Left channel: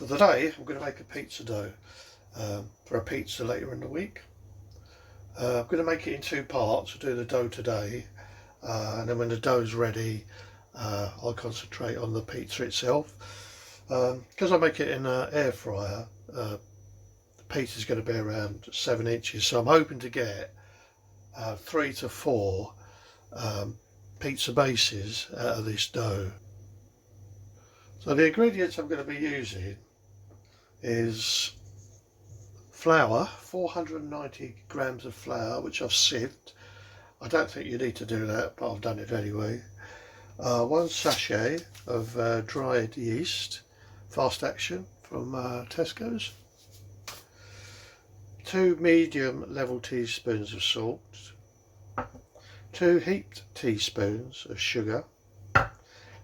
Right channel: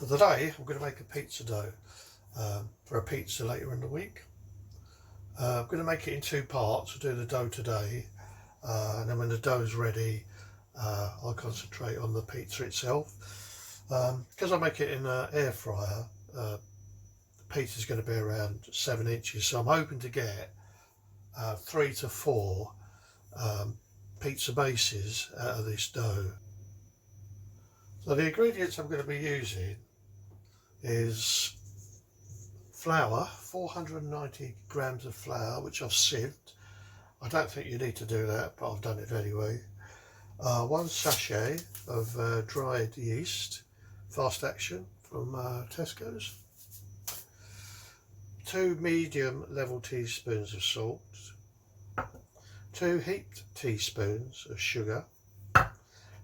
For today, I'm going to make a pizza dough for a pizza later in the week. I'm going to make it in two parts. I'll do the dough today, and then when the dough is ready, I'll concentrate on the pizza itself. Because I make it in an air fryer, the pizza is going to be around 7 inches, so I'm hoping to get 3 to 4 pizza bases out of this dough. So the ingredients I'm going to be using is flour, 490 grams of flour, which I've sieved. I don't think you need to do that, but I've done it anyway. 1 sachet of dried yeast, fast action from Tesco's. 2 medium level teaspoons of salt. 2 heaped teaspoons of sugar.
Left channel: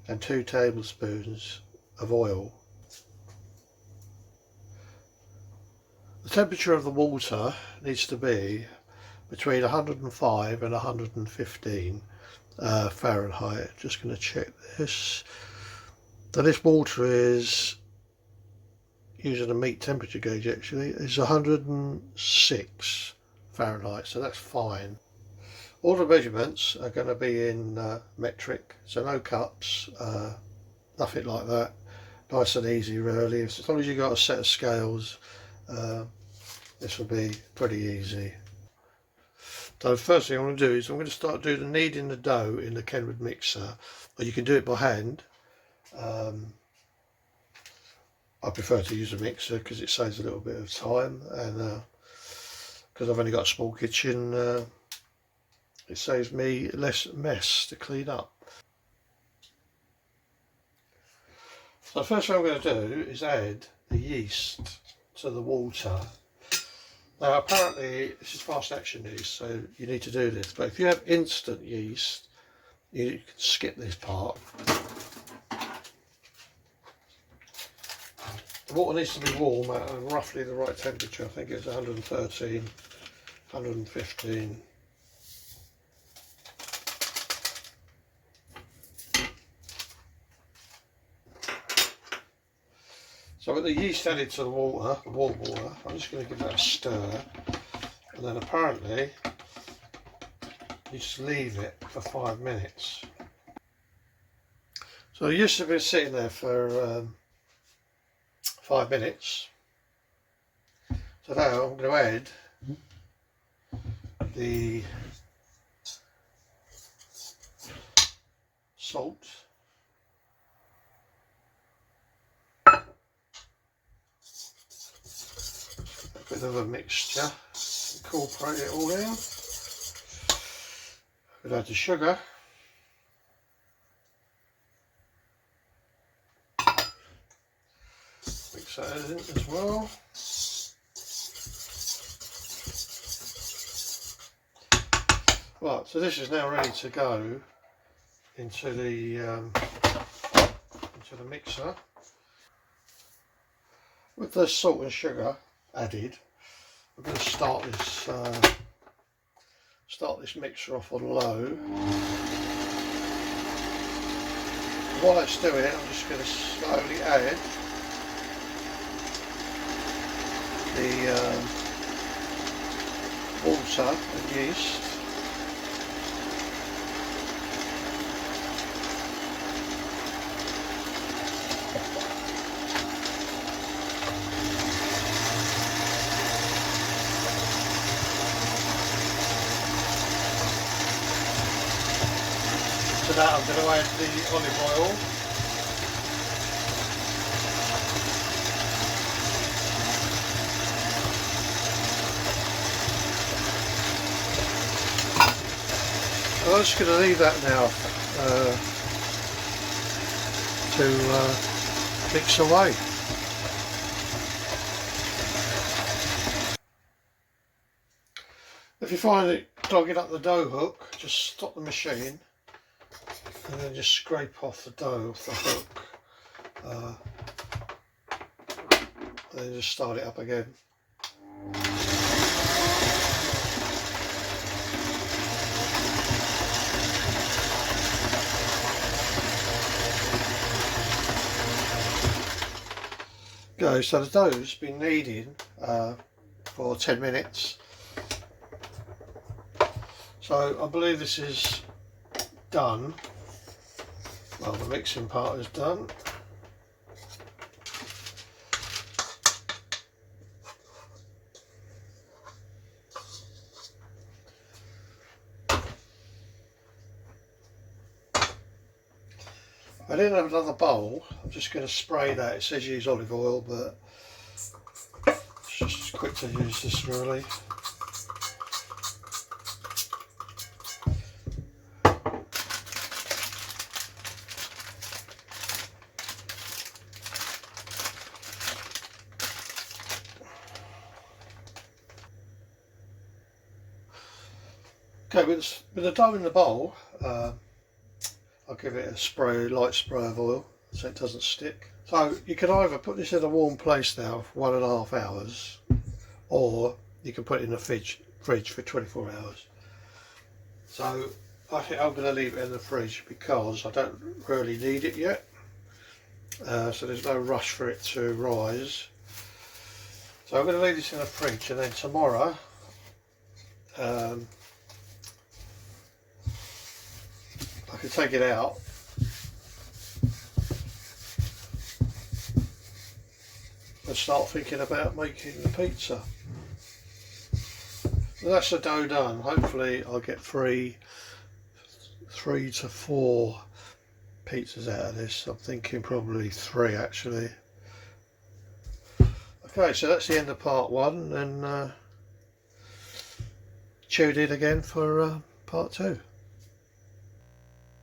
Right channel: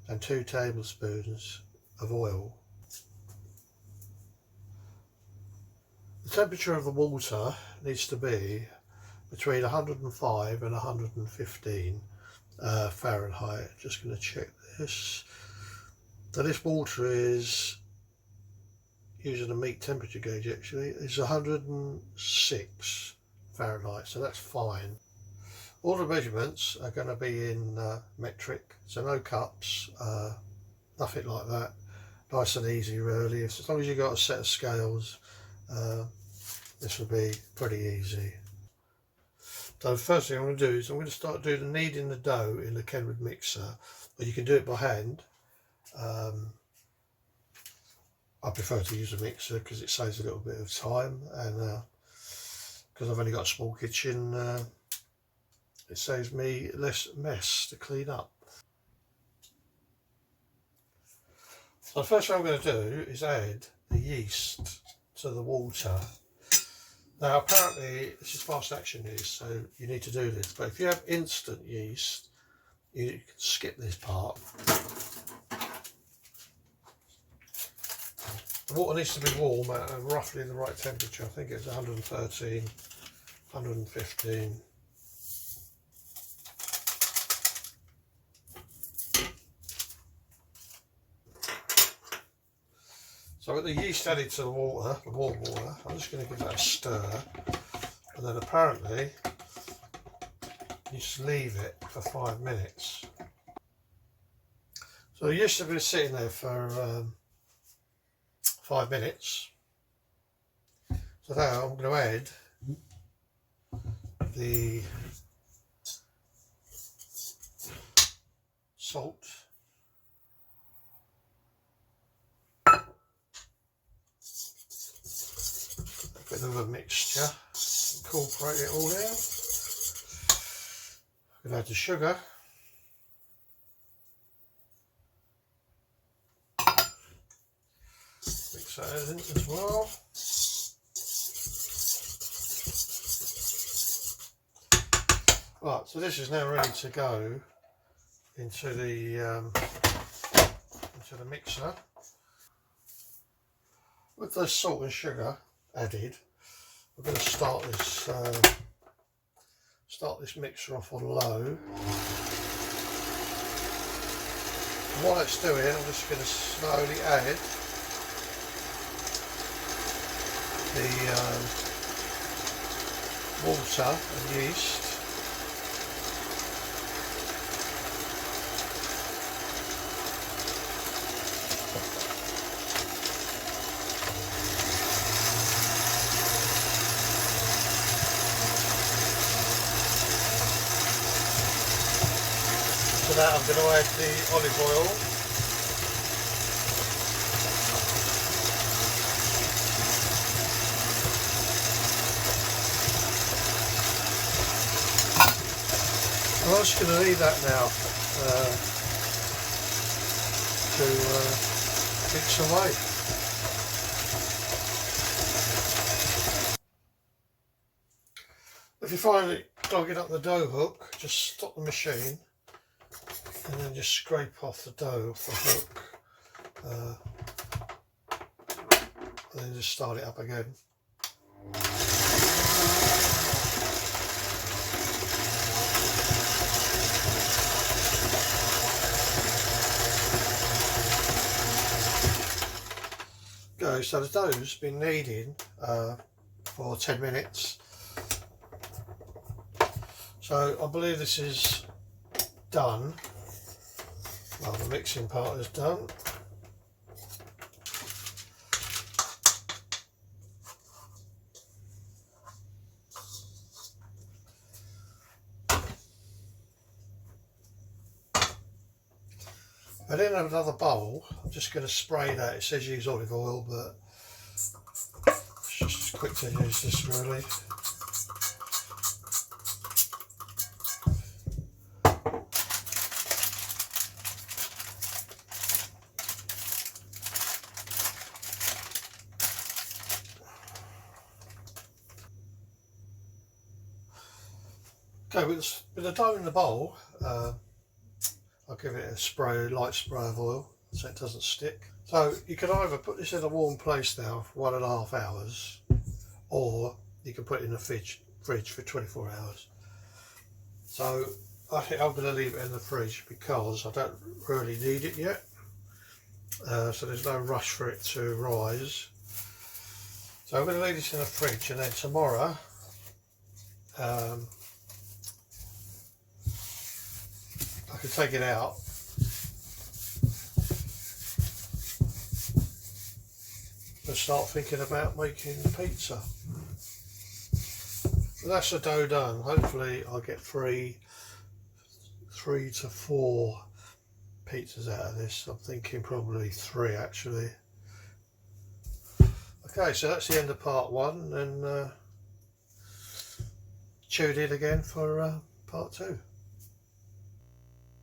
And 2 tablespoons of oil. The temperature of the water needs to be between 105 and 115 Fahrenheit. Just going to check this. So this water is, using a meat temperature gauge actually, is 106 Fahrenheit, so that's fine. All the measurements are going to be in metric, so no cups, nothing like that. Nice and easy really. As long as you've got a set of scales, this will be pretty easy. So the first thing I'm going to do is I'm going to start doing the kneading the dough in the Kenwood mixer, or you can do it by hand. I prefer to use a mixer because it saves a little bit of time, and because I've only got a small kitchen, it saves me less mess to clean up. So the first thing I'm going to do is add the yeast to the water. Now apparently this is fast action yeast, so you need to do this, but if you have instant yeast, you can skip this part. The water needs to be warm at roughly the right temperature. I think it's 113, 115. So with the yeast added to the water, the warm water, I'm just going to give that a stir, and then apparently you just leave it for 5 minutes. So the yeast has been sitting there for 5 minutes. So now I'm going to add the salt, a bit of a mixture, incorporate it all in. I'm going to add the sugar. Mix that in as well. Right, so this is now ready to go into the mixer. With the salt and sugar added, we're going to start this mixer off on low. And while it's doing it, I'm just going to slowly add the water and yeast. To that I'm going to add the olive oil. I'm just going to leave that now to mix away. If you find it clogging up the dough hook, just stop the machine and then just scrape off the dough off the hook, and then just start it up again. Okay, so the dough's been kneading for 10 minutes. So I believe this is done. Well, the mixing part is done. I didn't have another bowl. I'm just going to spray that. It says use olive oil, but it's just quick to use this really. Okay, with the dough in the bowl, I'll give it a spray, light spray of oil so it doesn't stick. So you can either put this in a warm place now for 1.5 hours, or you can put it in the fridge for 24 hours. So I think I'm going to leave it in the fridge because I don't really need it yet. So there's no rush for it to rise. So I'm going to leave this in the fridge, and then tomorrow I can take it out and start thinking about making the pizza. So that's the dough done. Hopefully I'll get three to four pizzas out of this. I'm thinking probably 3 actually. Okay, so that's the end of part 1, and tune in again for part 2.